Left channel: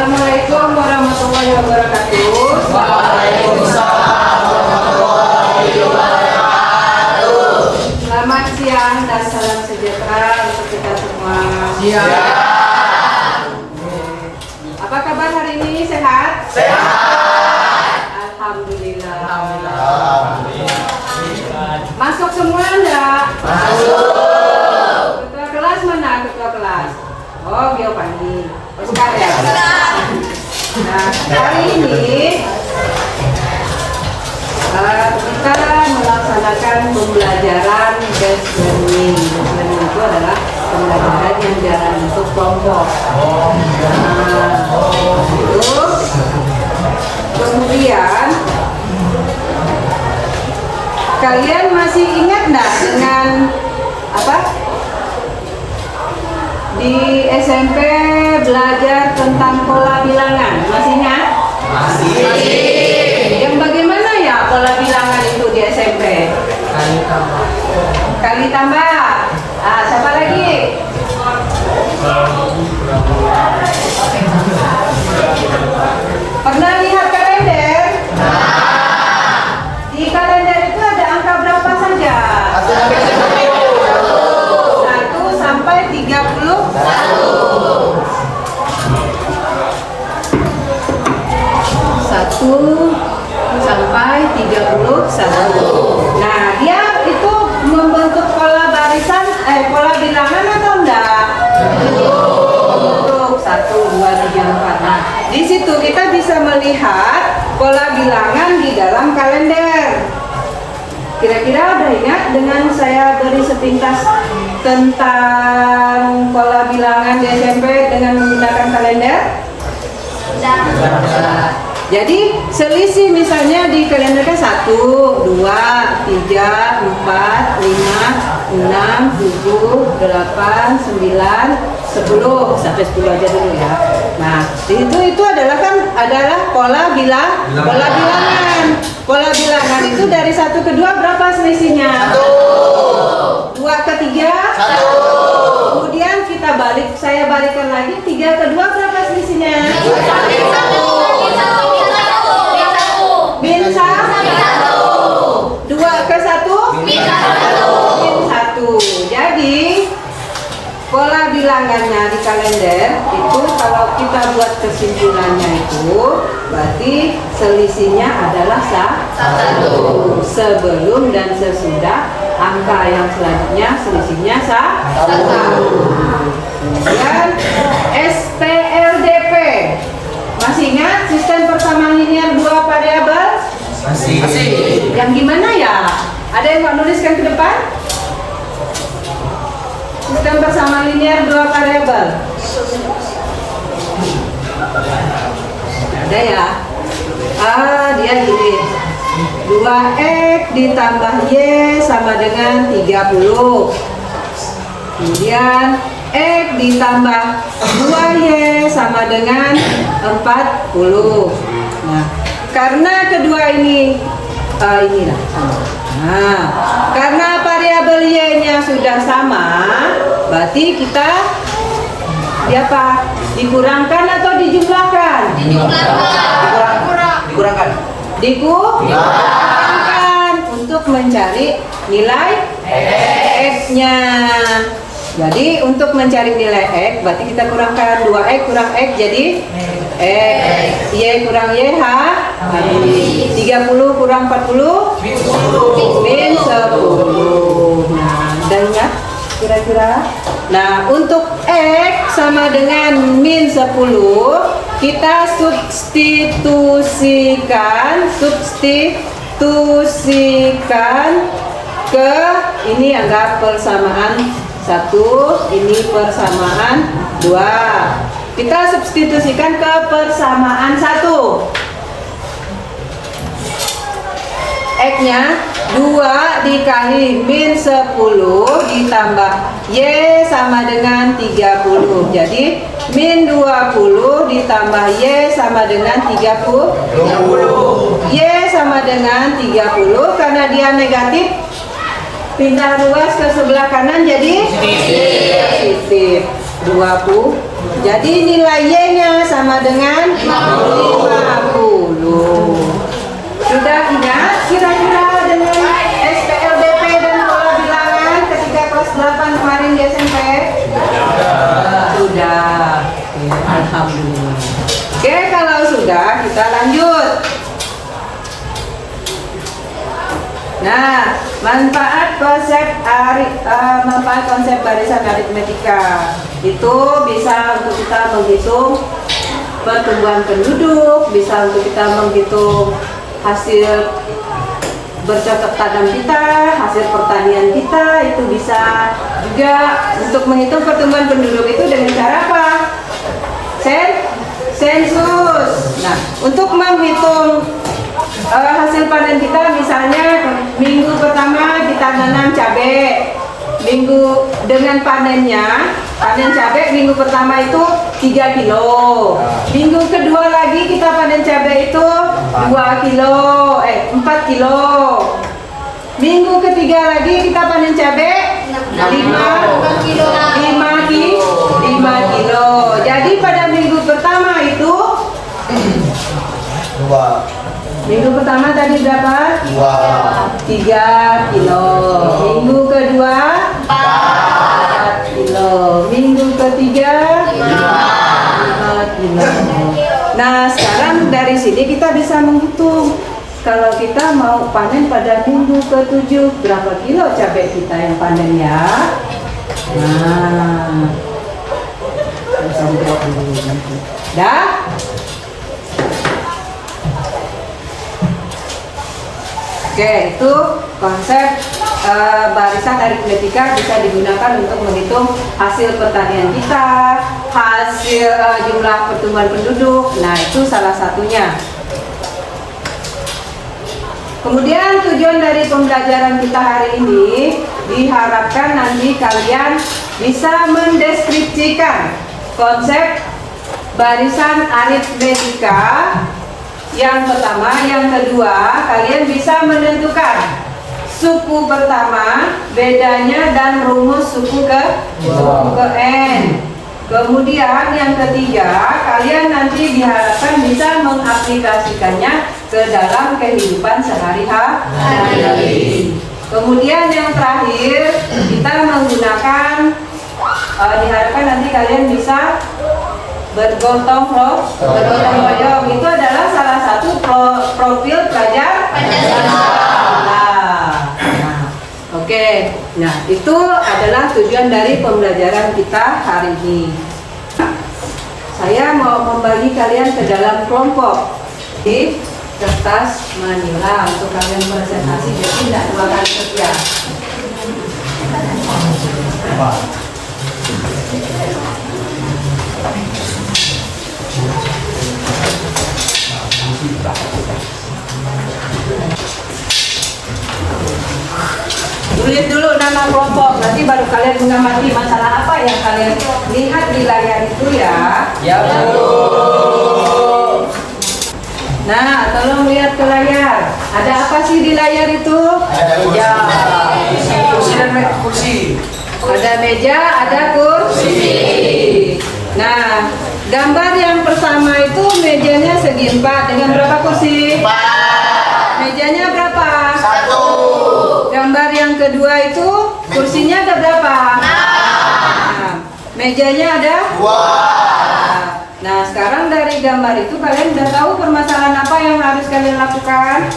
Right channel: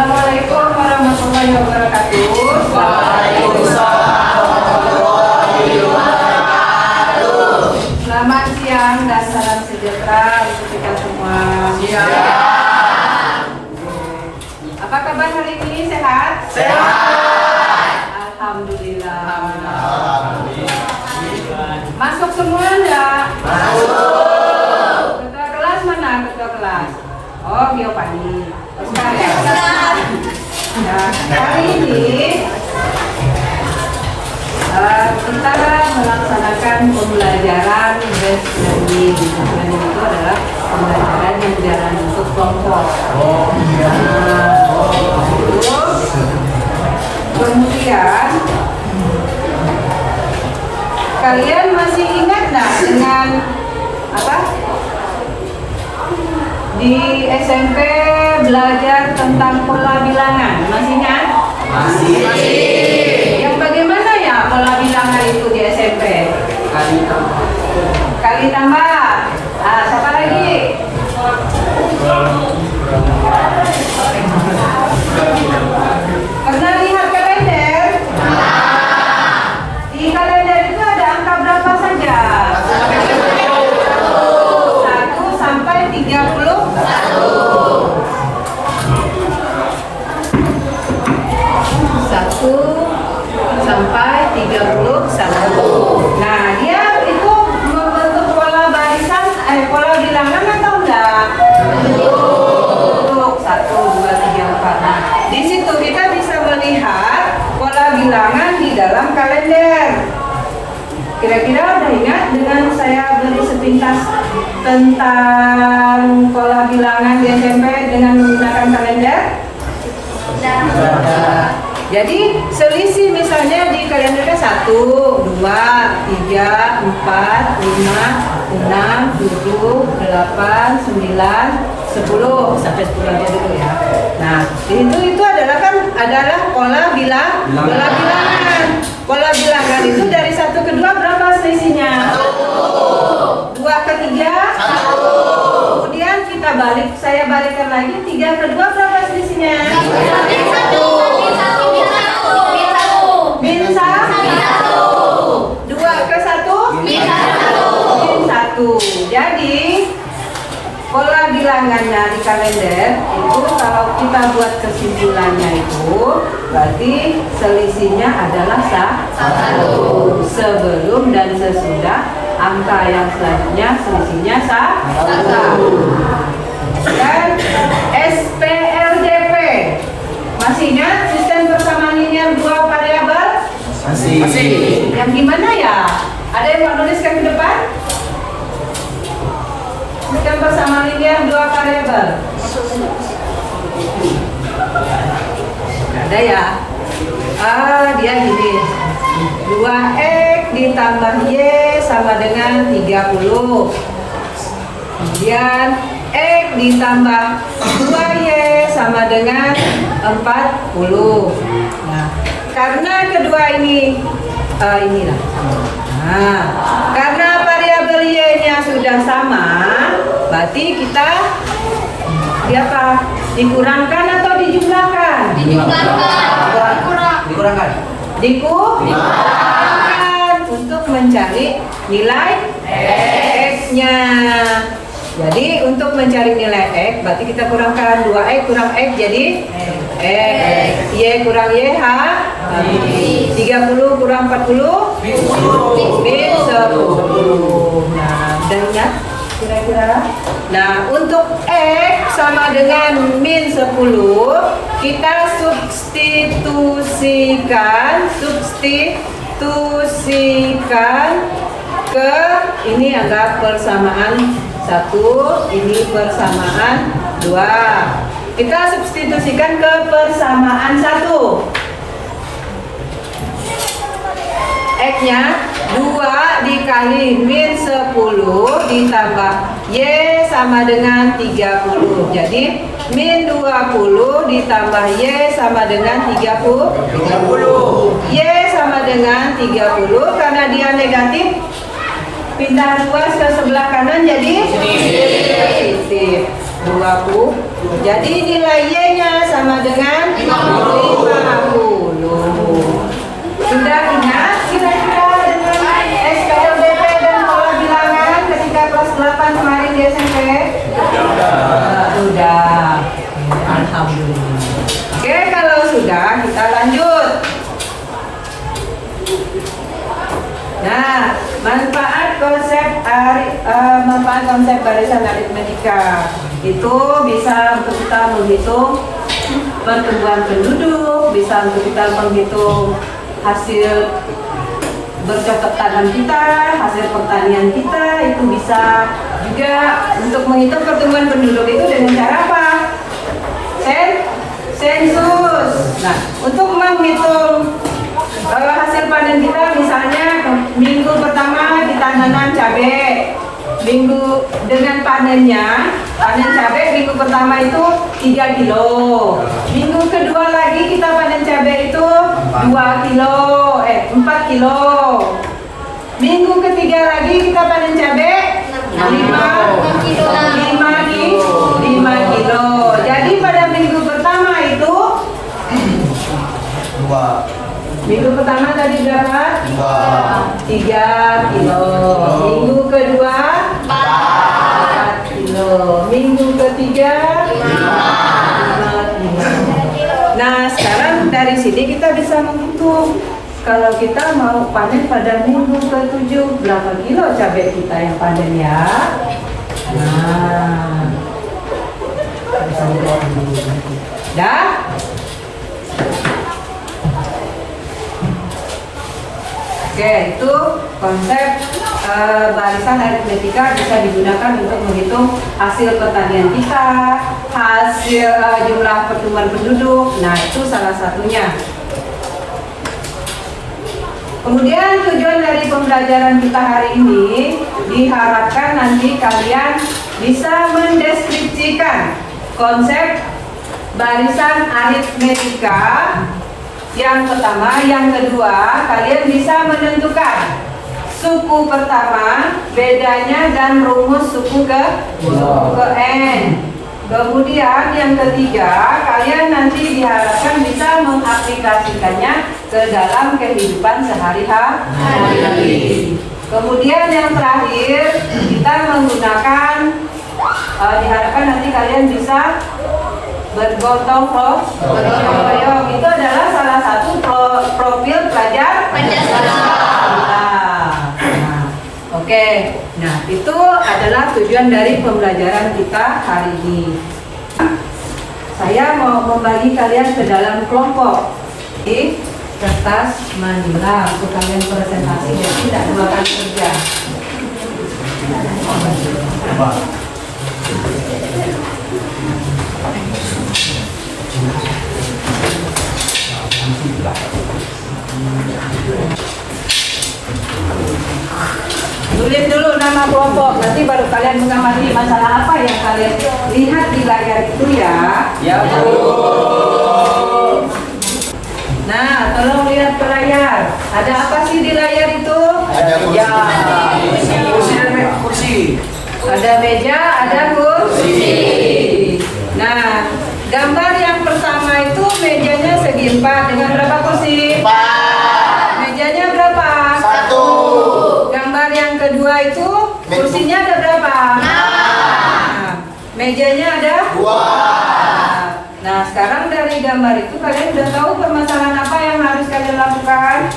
Assalamualaikum warahmatullahi wabarakatuh. Waalaikumsalam warahmatullahi wabarakatuh. Selamat siang dan salam sejahtera untuk kita semua. Apa kabar hari ini? Sehat? Sehat. Alhamdulillah. Masuk semua enggak? Masuk. Ketua kelas mana? Ketua kelas. Oh, Geopani. Oh, sekalian. Nah, hari ini kita melaksanakan pembelajaran based learning. Based learning itu adalah pembelajaran yang dalam bentuk kelompok. Terus kemudian kalian masih ingat nggak dengan apa? Di SMP belajar tentang pola bilangan, masih ingat? Masih. Yang bagaimana ya pola bilangan itu di SMP? Kali tambah. Ah, siapa lagi? Pernah lihat kalender? Di kalender itu ada angka berapa saja? 1 sampai 30. 1 sampai 31. Nah, dia itu membentuk pola barisan, pola bilangan atau enggak? Bentuk 1, 2, 3, 4. Nah, di situ kita bisa melihat pola bilangan di dalam kalender. Kira-kira ada ingat dengan saya beri sepintas tentang pola bilangan di SMP dengan menggunakan kalender? Jadi selisih misalnya di kalender kan 1, 2, 3, 4, 5, 6, 7, 8, 9, 10 sampai 10 aja dulu ya. Nah itu adalah pola bilangan. Pola bilangan itu dari 1 ke 2 berapa selisihnya? 2 ke 3? Kemudian kita saya balikkan lagi 3 ke 2 berapa selisihnya? Min 1. 2 ke 1? Min 1. Jadi pola bilangannya di kalender itu kalau kita buat kesimpulannya itu berarti selisihnya adalah 1 sebelum dan sesudah angka yang selanjutnya selisihnya 1. Dan SPLDP masih ingat sistem persamaan linear 2 variabel? Masih. Yang gimana ya? Ada yang mau nuliskan ke depan? Sistem persamaan linear 2 variabel. Ada ya? Dia gini. 2x ditambah y sama dengan 30. Kemudian x ditambah 2y sama dengan 40. Nah, karena kedua ini inilah sama. Nah, karena variabel y-nya sudah sama, berarti kita dikurangkan atau dijumlahkan? Dikurangkan. Dikurangkan untuk mencari nilai x-nya. Jadi untuk mencari nilai x, berarti kita kurangkan 2x kurang x jadi x. Y kurang y habis. 30 kurang 40 min 10. Nah, udah ingat kira-kira? Nah, untuk x sama dengan min 10 kita substitusikan ke ini anggap persamaan 1, ini persamaan 2. Kita substitusikan ke persamaan 1. X-nya 2 dikali min 10 ditambah y sama dengan 30. Jadi min 20 ditambah y sama dengan 30. Y sama dengan 30 karena dia negatif. Pindah ruas ke sebelah kanan jadi positif 20. Jadi nilai Y-nya sama dengan 50. Sudah ingat kira-kira dengan SPLDP dan pola bilangan ketika kelas 8 kemarin di SMP? Sudah. Alhamdulillah. Oke, kalau sudah kita lanjut. Nah, manfaat konsep barisan aritmetika itu bisa untuk kita menghitung pertumbuhan penduduk, bisa untuk kita menghitung hasil bercocok tanam kita, hasil pertanian kita, itu bisa juga untuk menghitung pertumbuhan penduduk itu dengan cara apa? Sensus. Nah, untuk menghitung hasil panen kita, misalnya minggu pertama kita nanam cabai, minggu dengan panen cabai minggu pertama itu 3 kilo, minggu kedua lagi kita panen cabai itu 4 kilo, minggu ketiga lagi kita panen cabai 5 kilo. Jadi pada minggu pertama itu minggu pertama tadi berapa? 3 kilo. Minggu kedua 4 kilo. Minggu ketiga 5 kilo. Nah, sekarang dari sini kita bisa menghitung. Kalau kita mau panen pada minggu ke-7, berapa kilo cabai kita yang panen ya? Nah, dah? Oke, itu konsep barisan aritmetika bisa digunakan untuk menghitung hasil pertanian kita, hasil jumlah pertumbuhan penduduk. Nah, itu salah satunya. Kemudian tujuan dari pembelajaran kita hari ini diharapkan nanti kalian bisa mendeskripsikan konsep barisan aritmetika. Yang pertama, yang kedua, kalian bisa menentukan suku pertama, bedanya dan rumus suku ke N. Kemudian yang ketiga, kalian nanti diharapkan bisa mengaplikasikannya ke dalam kehidupan sehari-hari. Kemudian yang terakhir, kita menggunakan, diharapkan nanti kalian bisa bergotong royong. Itu adalah salah satu profil pelajar Pancasila. Oke, nah itu adalah tujuan dari pembelajaran kita hari ini. Saya mau membagi kalian ke dalam kelompok di kertas manila untuk kalian presentasi dan tidak makan kerja. Tulis dulu nama kelompok, nanti baru kalian mengamati masalah apa yang kalian lihat di layar itu ya. Ya, Bu. Nah, tolong lihat ke layar. Ada apa sih di layar itu? Ada meja. Kursi dan kursi. Ada meja, ada kursi. Nah, gambar yang pertama itu mejanya segi 4 dengan berapa kursi? 4. Mejanya berapa? 1. Gambar yang kedua itu kursinya ada berapa? 6. Nah, mejanya ada 2. Nah, sekarang dari gambar itu kalian udah tahu permasalahan apa yang harus kalian lakukan?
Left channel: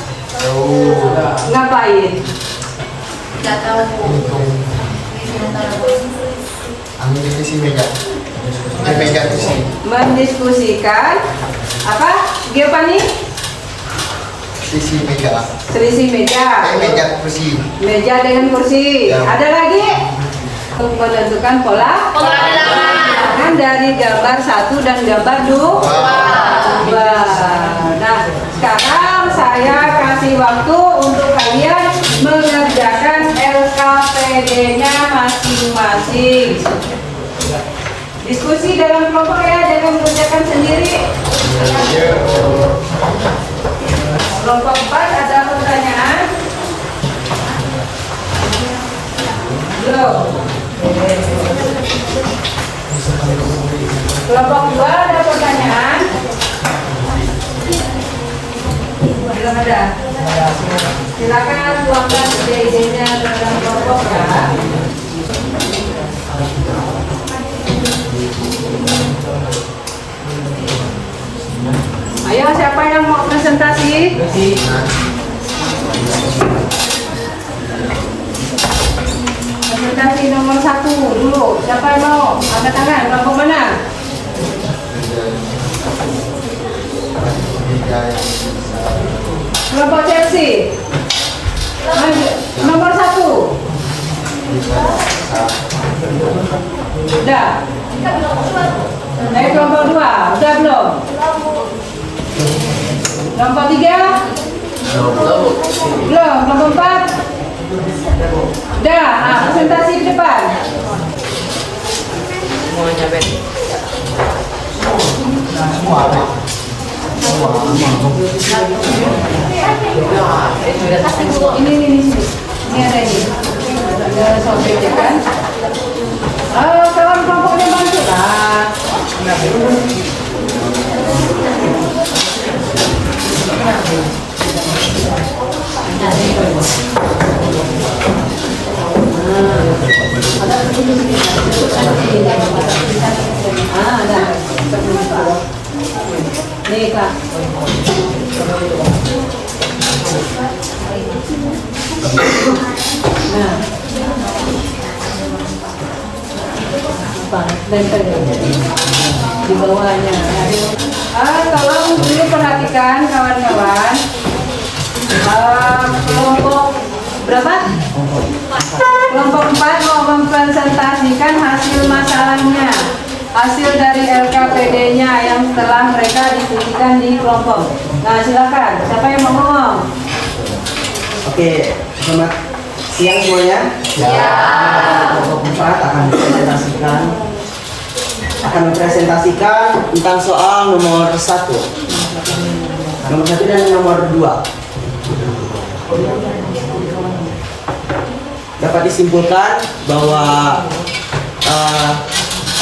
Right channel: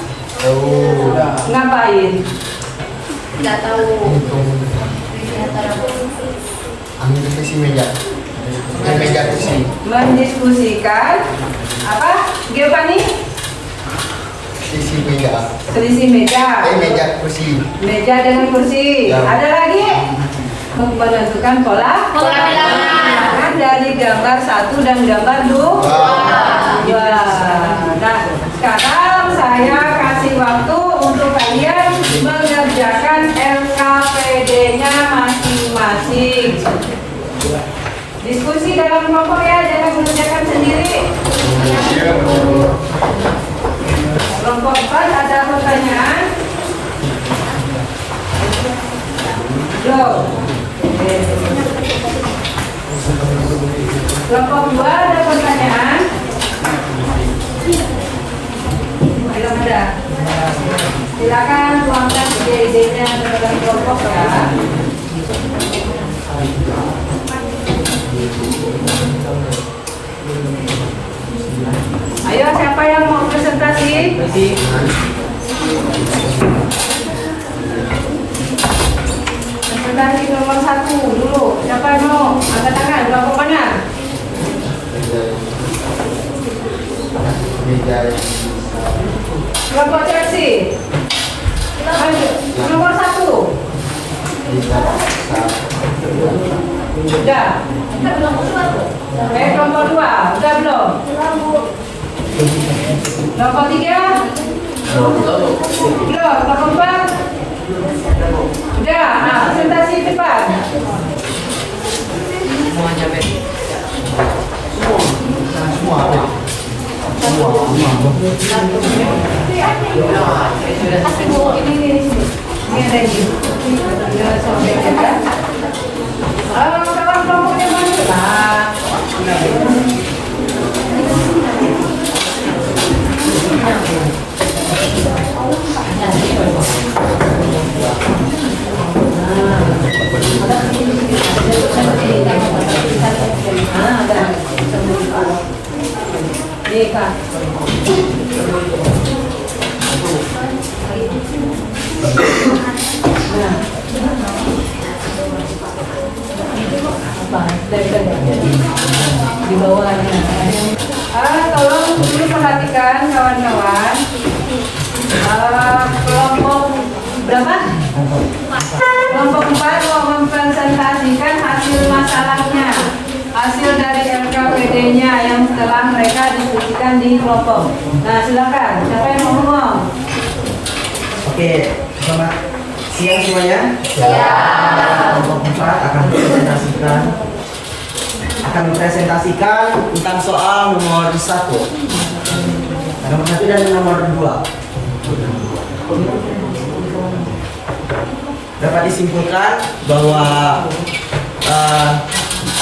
Ngapain? Tidak tahu. Ambil sisi meja. Meja kursi. Mendiskusikan apa? Giovanni? Sisi meja. Selisih meja. Meja kursi. Meja dengan kursi. Ya. Ada lagi? Menentukan pola bilangan dari gambar 1 dan gambar 2. Nah, sekarang saya kasih waktu untuk kalian mengerjakan LKPD-nya masing-masing. Diskusi dalam kelompok ya, jangan mengerjakan sendiri. Kelompok 4 ada pertanyaan? Belum. mau presentasi? Presentasi nomor 1 dulu. Siapa yang mau? Angkat tangan. Kelompok mana? Kelompok Chelsea. Maju. Nomor 1. Udah. Kelompok 2. Udah belum? Kelompok 3. Belum. Kelompok 4. Udah. Presentasi di depan. Ini sini. Ini ada ini. Ada sobek ya kan? Kawan kelompoknya bantu lah. Ada. Nih Kak. Nah. Apa? Di bawahnya. Tolong dulu perhatikan kawan-kawan. Kelompok berapa? Kelompok 4 mau mempresentasikan hasil masalahnya. Hasil dari LKPD-nya yang telah mereka diskusikan di kelompok. Nah, silakan. Siapa yang mau ngomong? Oke, selamat siang semuanya. Kelompok 4 akan mempresentasikan tentang soal nomor 1. Nomor 1 dan nomor 2. Dapat disimpulkan bahwa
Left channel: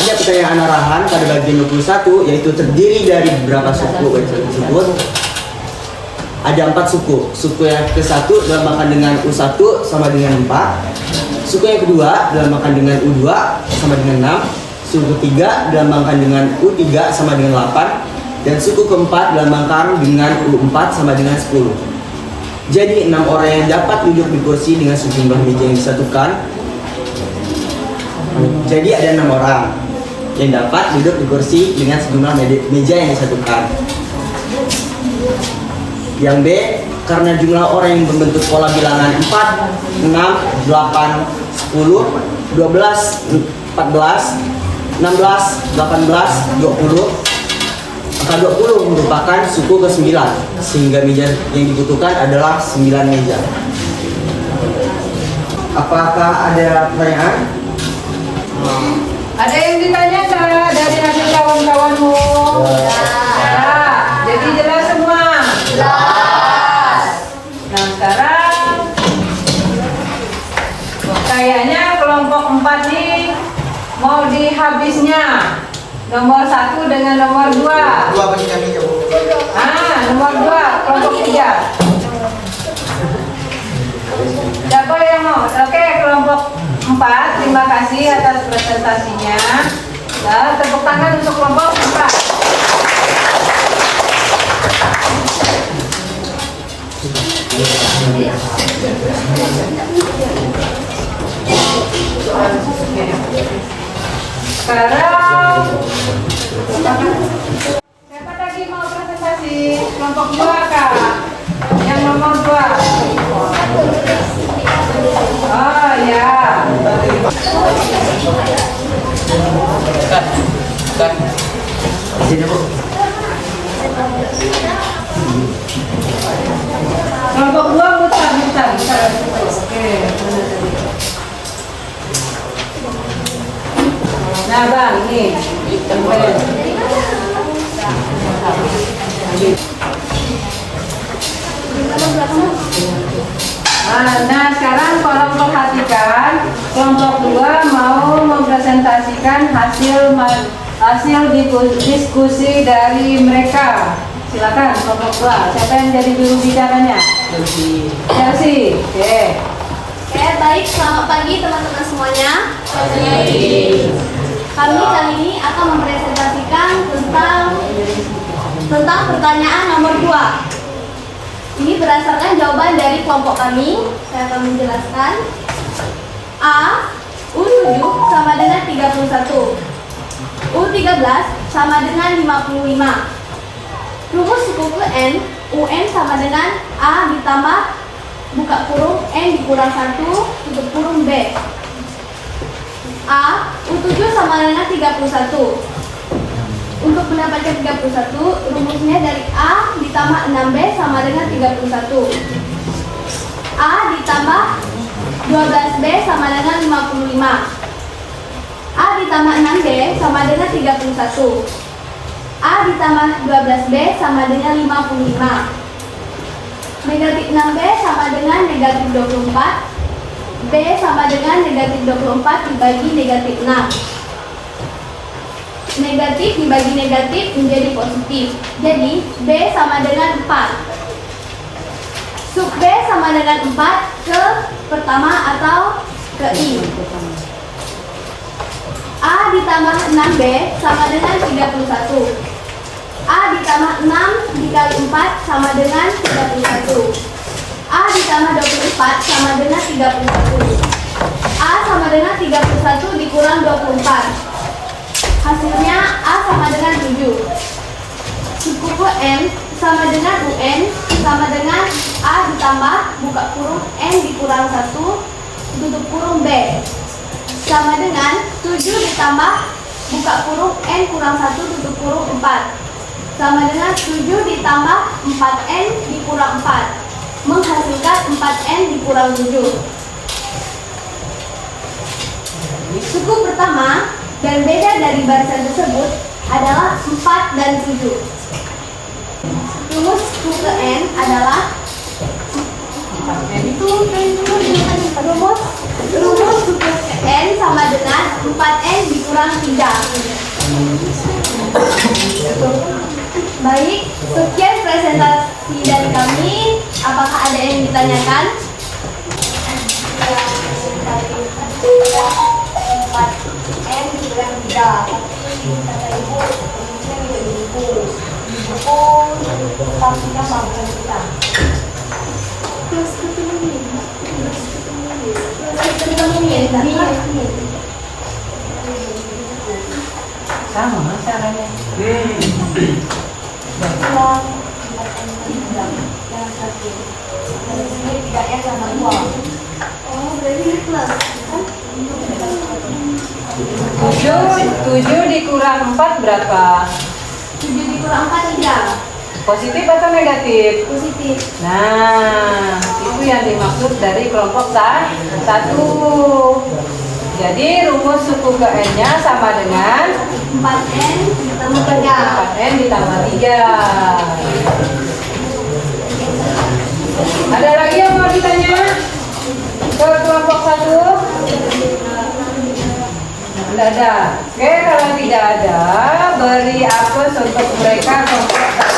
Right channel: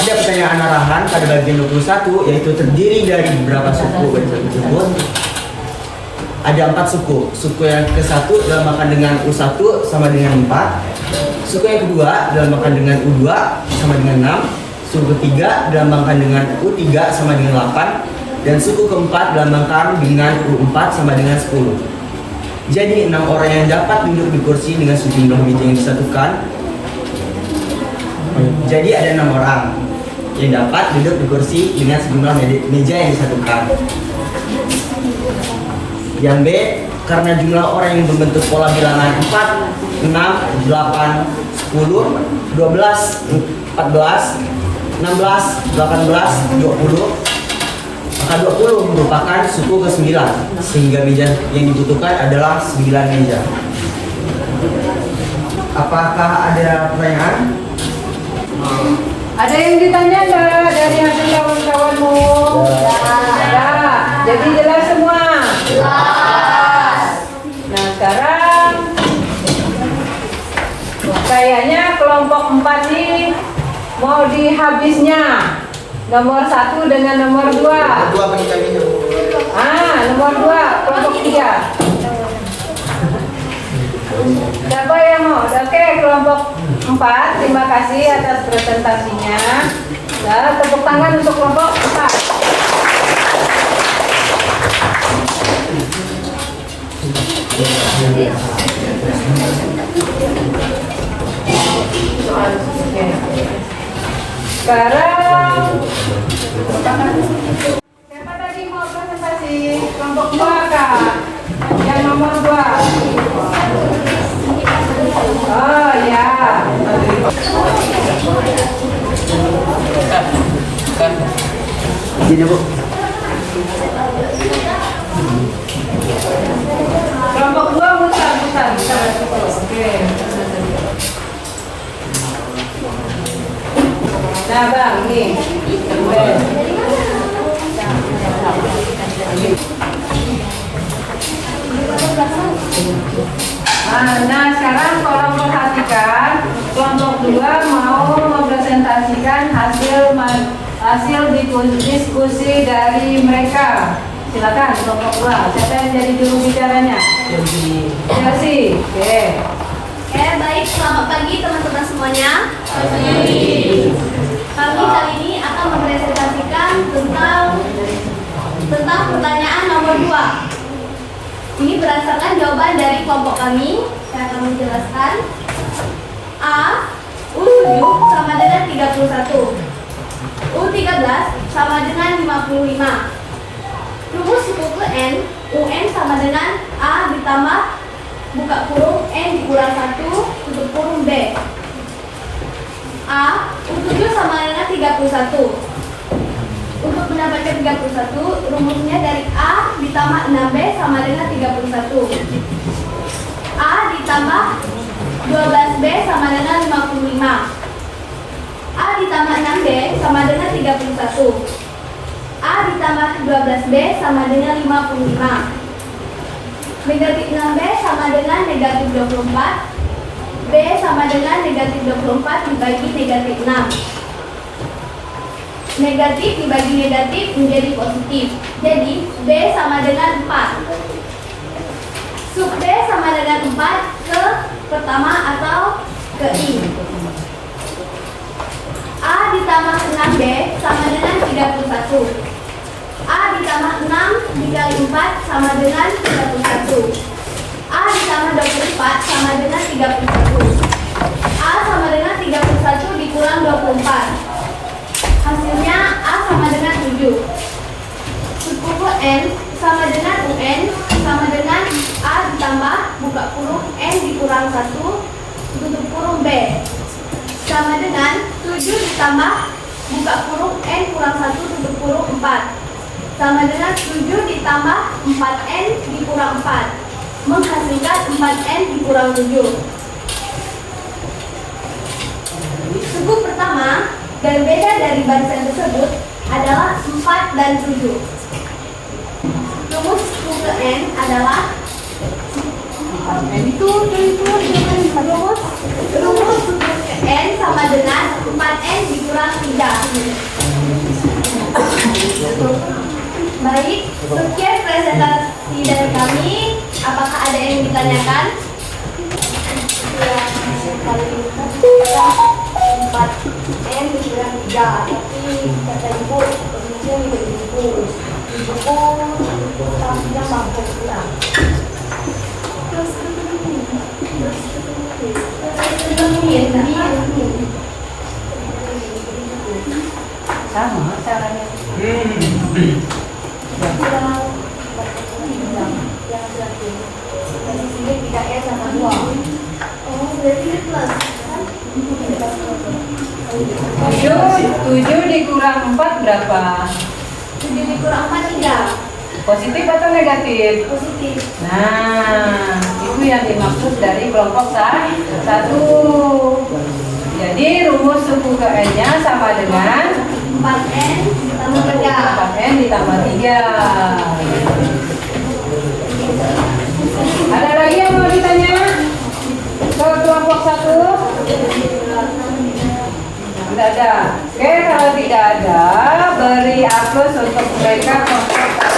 ada pertanyaan arahan pada bagian 21, yaitu terdiri dari beberapa suku tersebut. Ada 4 suku. Suku yang ke-1 dilambangkan dengan U1 sama dengan 4. Suku yang kedua dilambangkan dengan U2 sama dengan 6. Suku ketiga dilambangkan dengan U3 sama dengan 8. Dan suku keempat dilambangkan dengan U4 sama dengan 10. Jadi 6 orang yang dapat duduk di kursi dengan sejumlah meja yang disatukan. Jadi ada 6 orang yang dapat duduk di kursi dengan sejumlah meja yang disatukan. Yang B, karena jumlah orang yang membentuk pola bilangan 4, 6, 8, 10, 12, 14, 16, 18, 20, maka 20 merupakan suku ke-9, sehingga meja yang dibutuhkan adalah 9 meja. Apakah ada pertanyaan? Ada yang ditanya nggak dari hasil kawan-kawanmu? Ya, jadi jelas semua? Jelas. Nah, sekarang kayaknya kelompok 4 nih mau dihabisnya. Nomor 1 dengan nomor 2. Dua bagi kami ya. Nomor 2, kelompok 3. Siapa yang mau? Oke, kelompok 4, terima kasih atas presentasinya. Nah, tepuk tangan untuk kelompok 4. Sekarang siapa lagi mau presentasi? Kelompok 2 Kak? Yang nomor 2. Oh ya. Jadi Bu. Kelompok 2 mutar. Oke. Nah Bang, ini. Nah sekarang tolong perhatikan, kelompok 2 mau mempresentasikan hasil diskusi dari mereka. Silakan kelompok 2. Siapa yang jadi juru bicaranya? Chelsea. Oke. Oke, baik. Selamat pagi teman-teman semuanya. Kami kali ini akan mempresentasikan tentang pertanyaan nomor 2. berdasarkan jawaban dari kelompok kami. Saya akan menjelaskan. A. U7 sama dengan 31. U13 sama dengan 55. Rumus suku ke N, UN sama dengan A ditambah buka kurung N dikurang 1 tutup kurung B. A. U7 sama dengan 31. Untuk mendapatkan 31, rumusnya dari A ditambah 6B sama dengan 31. A ditambah 12B sama dengan 55. A ditambah 6B sama dengan 31. A ditambah 12B sama dengan 55. Negatif 6B sama dengan negatif 24. B sama dengan negatif 24 dibagi negatif 6. Negatif dibagi negatif menjadi positif. Jadi B sama dengan 4. Sub B sama dengan 4 ke pertama atau ke I. A ditambah 6B sama dengan 31. A ditambah 6 dikali 4 sama dengan 31. A ditambah 24 sama dengan 31. A sama dengan 31 dikurang 24. Hasilnya A sama dengan 7. Suku N sama dengan UN sama dengan A ditambah buka kurung N dikurang 1 tutup kurung B sama dengan 7 ditambah buka kurung N kurang 1 tutup kurung 4 sama dengan 7 ditambah 4N dikurang 4 menghasilkan 4N dikurang 7. Suku pertama dan beda dari barisan tersebut adalah 4 dan 7. Rumus suku N adalah rumus suku N sama dengan 4N dikurang 3. Baik, sekian presentasi dari kami. Apakah ada yang ditanyakan? 4N dikurang 3, tapi kata ibu posisinya lebih kurus. Tidak mampu kurang. Terus sama caranya. Oh, berarti plus kan? 7 dikurang 4 berapa? 7 dikurang 4 3. Positif atau negatif? Positif. Nah, itu yang dimaksud dari kelompok 1. Jadi rumus suku ke N-nya sama dengan 4N ditambah 3. 4N ditambah 3. Ada lagi yang mau ditanya? Ke kelompok 1? Tidak ada. Oke, kalau tidak ada, beri aplaus untuk mereka kelompok 1.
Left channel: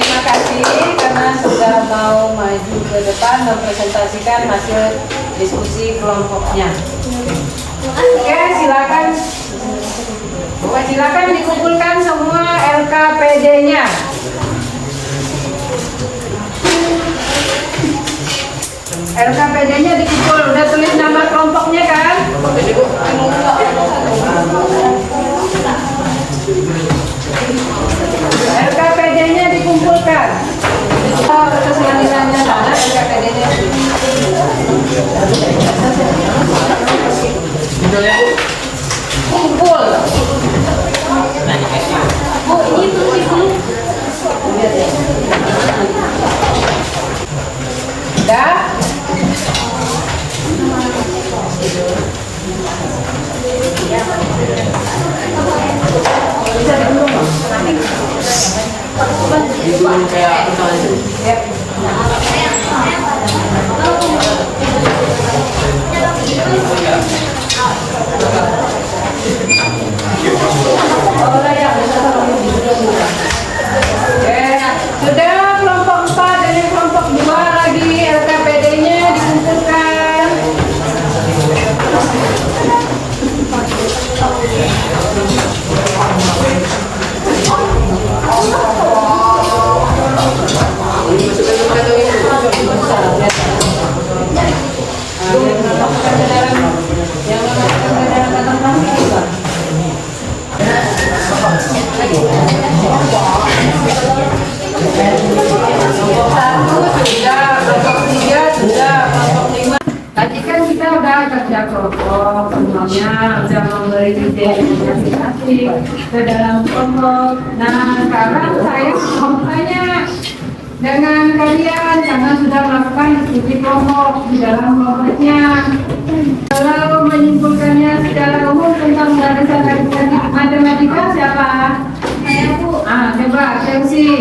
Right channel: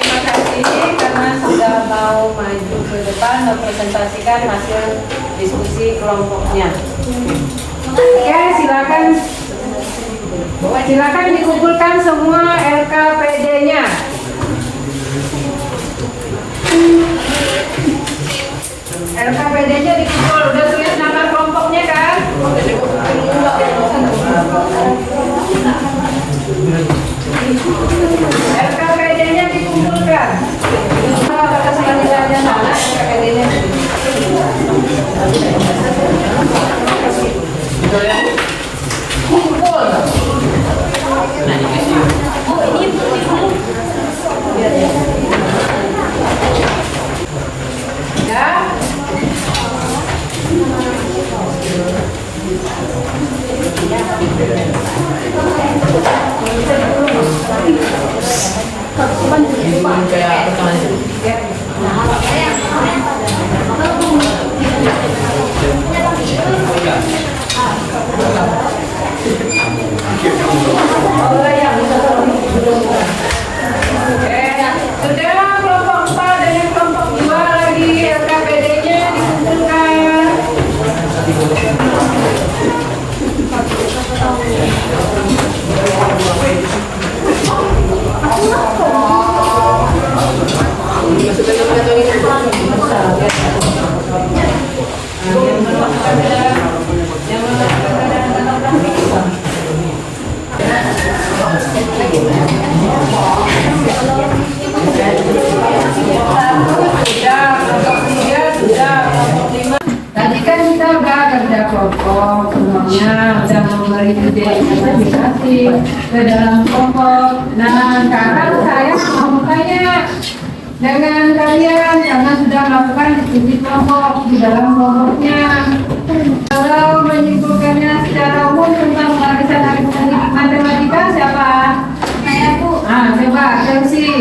Terima kasih karena sudah mau maju ke depan mempresentasikan hasil diskusi kelompoknya. Oke, silakan dikumpulkan semua LKPD-nya. LKPD-nya dikumpul, udah tulis nama kelompoknya kan? LKPD-nya dikumpulkan. Kata selanjutnya sana LKPD-nya. Kumpul. Udah? Sudah kelompok 4 dan kelompok 2 lagi LKPD-nya dikumpulkan. kelompok semuanya sudah memberi ide masing-masing ke dalam kelompok. Nah, sekarang saya mau bertanya dengan kalian karena sudah melakukan diskusi kelompok di dalam kelompoknya. Kalau menyimpulkannya secara umum tentang barisan aritmetik matematika siapa? Saya Bu. Coba Chelsea.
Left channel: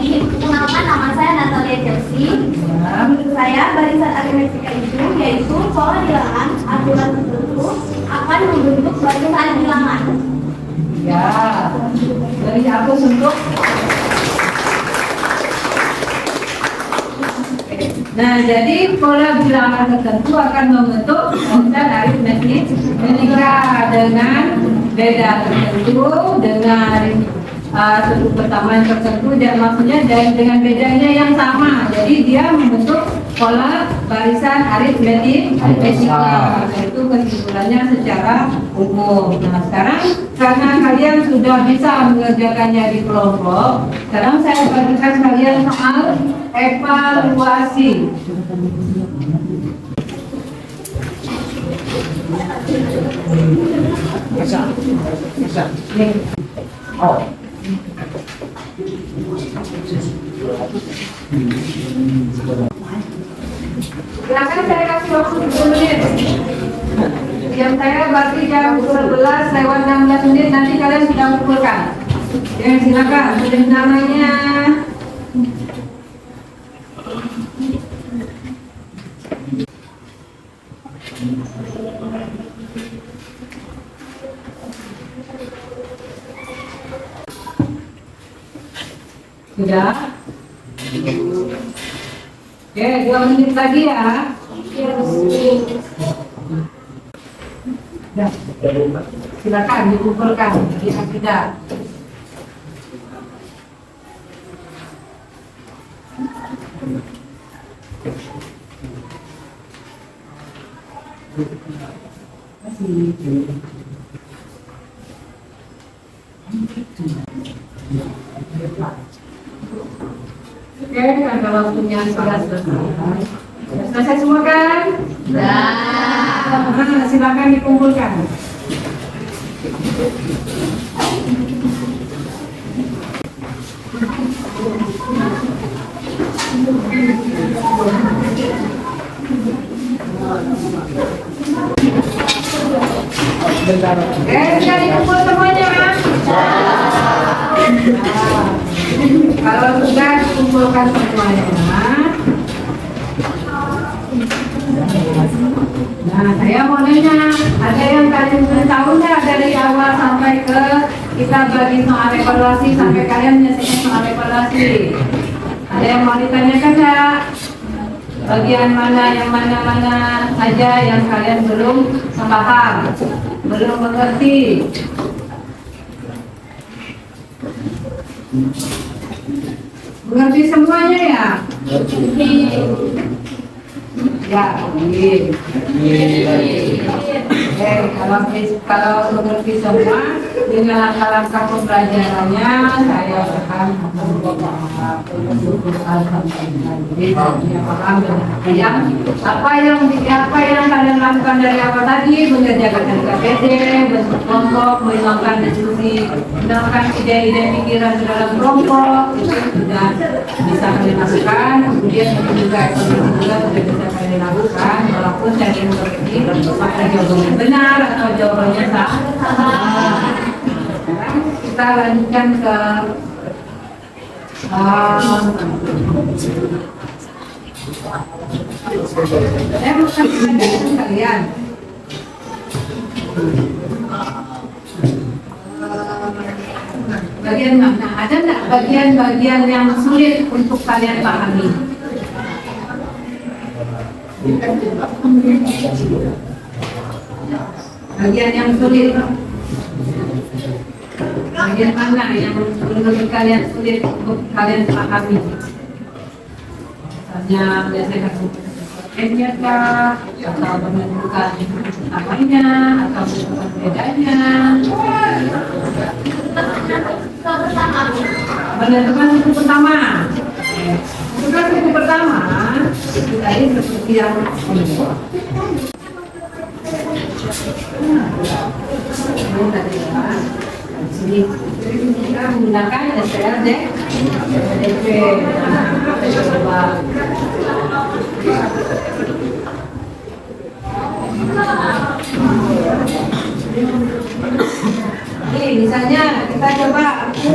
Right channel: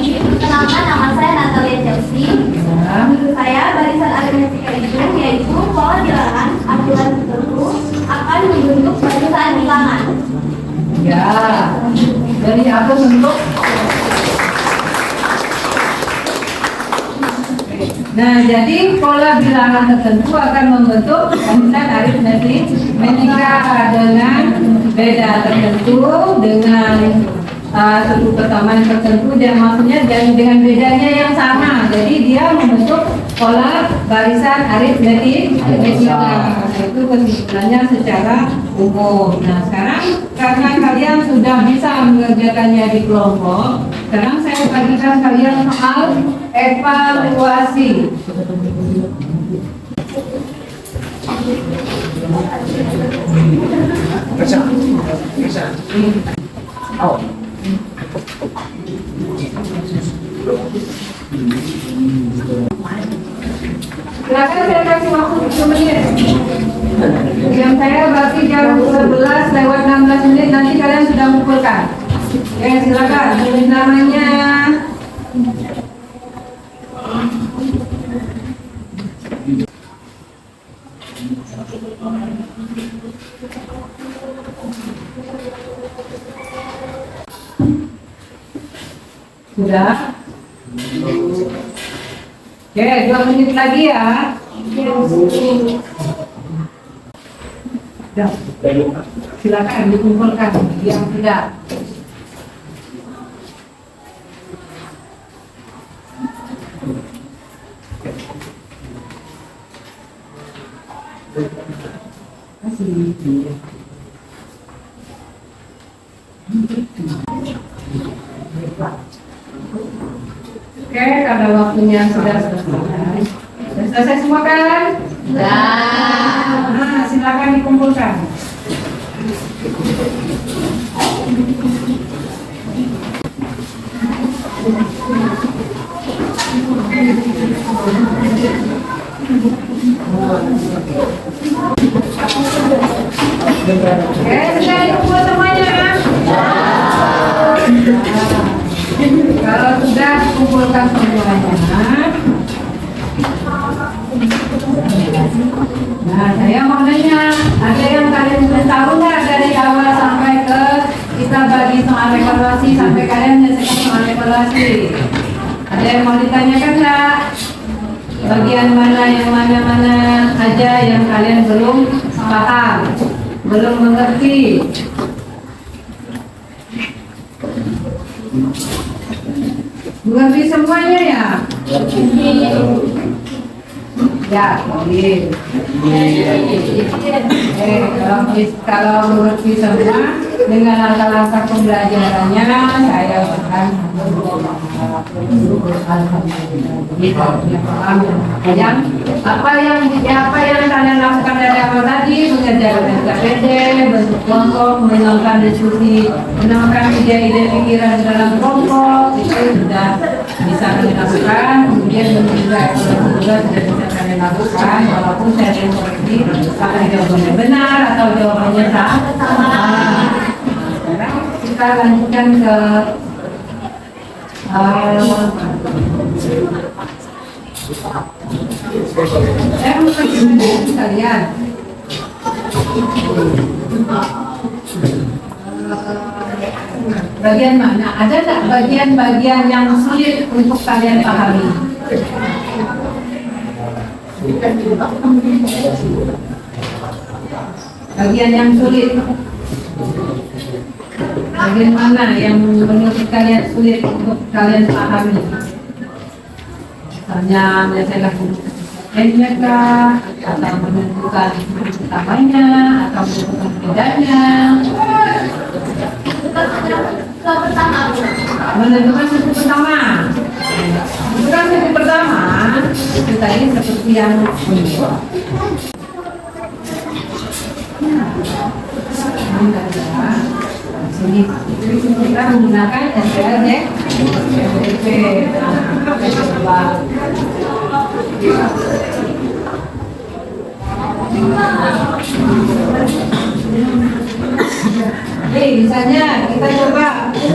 Perkenalkan, nama saya Natalia Chelsea. Menurut saya barisan aritmetika itu yaitu pola bilangan aturan tertentu akan membentuk barisan bilangan. Ya, dari atur bentuk. Nah, jadi pola bilangan tertentu akan membentuk barisan aritmetik dengan beda tertentu, dengan suku persamaan tertentu, dan maksudnya dan dengan bedanya yang sama. Jadi dia membentuk pola barisan aritmetik matematika. Itu kesimpulannya secara umum. Nah, sekarang karena kalian sudah bisa mengerjakannya di kelompok, sekarang saya bagikan kalian soal evaluasi. Silakan saya kasih waktu 10 menit. Jam saya berarti jam 11 lewat 16 menit, nanti kalian sudah mengumpulkan. Ya, silakan. Tulis namanya. Sudah? Oke, 2 menit lagi ya. Sudah. Silakan dikumpulkan yang tidak. Oke, karena waktunya sudah selesai. Sudah selesai semua kan? Nah, silakan dikumpulkan. Sudah dikumpul semuanya? Kalau sudah dikumpulkan semuanya, nah saya mau nanya, ada yang kalian sudah tahu nggak dari awal sampai ke kita bagi soal evaluasi sampai kalian menyelesaikan soal evaluasi? Ada yang mau ditanyakan nggak? Bagian mana yang mana aja yang kalian belum paham, belum mengerti? Mengerti semuanya ya? Ya, boleh. Kalau mengerti semua dengan langkah-langkah pembelajarannya, saya akan alhamdulillah. Jadi paham yang apa yang kalian lakukan dari awal tadi, mengerjakan KPD, bentuk kelompok, melakukan diskusi, menemukan ide-ide pikiran dalam kelompok, itu sudah bisa kalian lakukan. Kemudian juga evaluasi juga sudah bisa kalian lakukan, walaupun saya tidak mengerti apakah jawabannya benar atau jawabannya salah. Sekarang kita lanjutkan ke saya mau kasih kalian bagian mana? Ada nggak bagian-bagian yang sulit untuk kalian pahami? Bagian yang sulit. Bagian mana yang menurut kalian sulit untuk kalian pahami? Misalnya biasanya lainnya kah, atau menentukan utamanya, atau menentukan bedanya. Menentukan suku pertama. Menentukan suku pertama Itu tadi seperti yang ini. Sini kita menggunakan SPLD DP. Kita coba. Jadi misalnya kita coba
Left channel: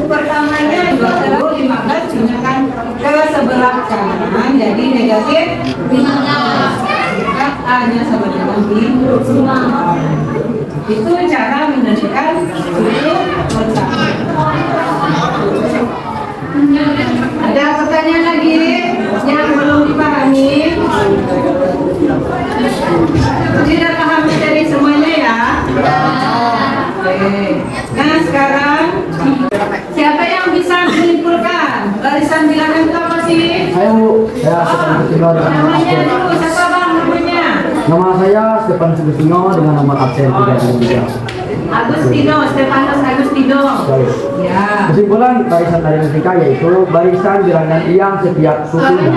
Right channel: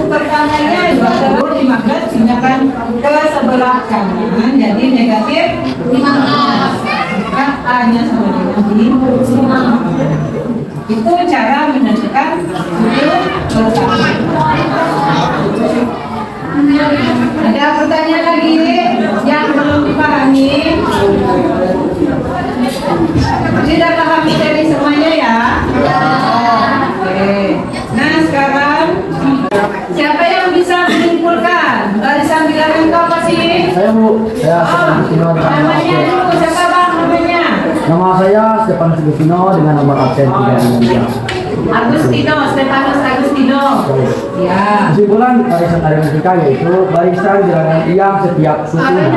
pertamanya 2,15 gunakan ke sebelah kanan jadi negatif 15. Maka A-nya sama dengan itu cara menentukan suku bersama. Ada pertanyaan lagi yang belum dipahami? Sudah paham dari semuanya ya? Oke. Nah sekarang siapa yang bisa menyimpulkan barisan bilangan itu apa sih? Saya Bu, saya Stefan Sugestino dengan nomor Namanya absen. dulu siapa bang namanya? Nama saya Stefan Sugestino dengan nomor absen 323. Stefanus Agustino. Ya. Kesimpulan barisan aritmetika yaitu barisan bilangan yang setiap sukunya.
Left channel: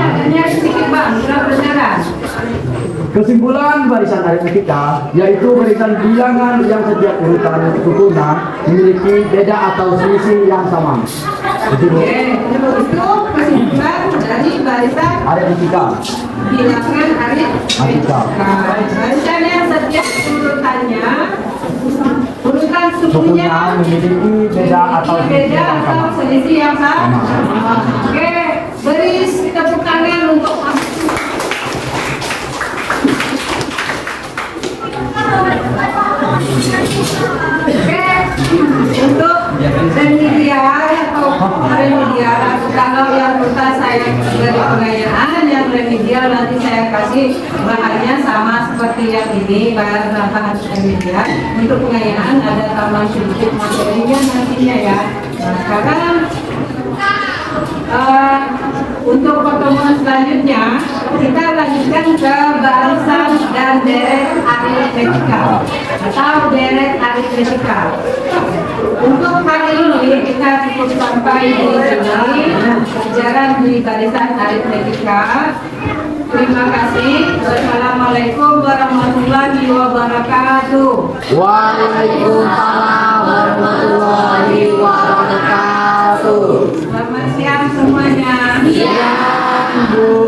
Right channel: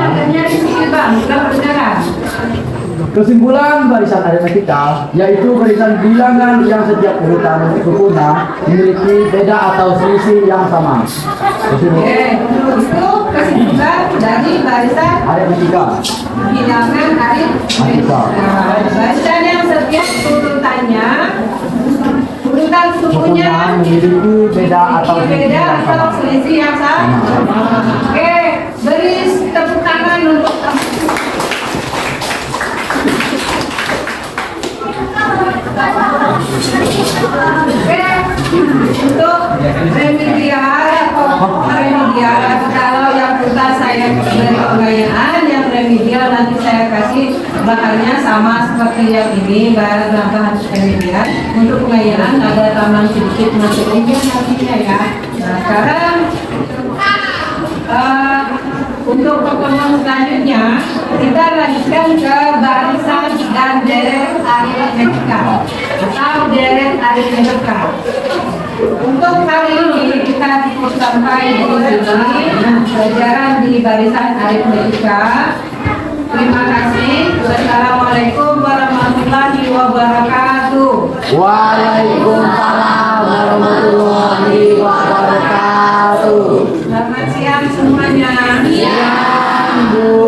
Kesimpulan barisan aritmetika yaitu barisan bilangan yang setiap urutan sukunya memiliki beda atau selisih yang sama. Oke, itu kesimpulan dari barisan Aritmetika. bilangan aritmetika. Nah, barisan yang setiap urutannya urutan sukunya memiliki beda atau selisih beda yang sama. atau selisih yang sama. Sama. Oke, beri tepuk tangan untuk Oke, untuk remedial kalau yang urutan saya dari pengayaan, yang remedial nanti saya kasih bahannya sama seperti yang ini, bahan remedial. Untuk pengayaan ada tambahan sedikit materinya nantinya ya. Nah sekarang untuk pertemuan selanjutnya kita lanjutkan ke barisan dan deret aritmetika atau deret aritmetika. Untuk kali ini kita cukup sampai di sini pelajaran di barisan aritmetika. Terima kasih. Wassalamualaikum warahmatullahi wabarakatuh. Waalaikumsalam warahmatullahi wabarakatuh. Selamat siang semuanya. Siang, Bu.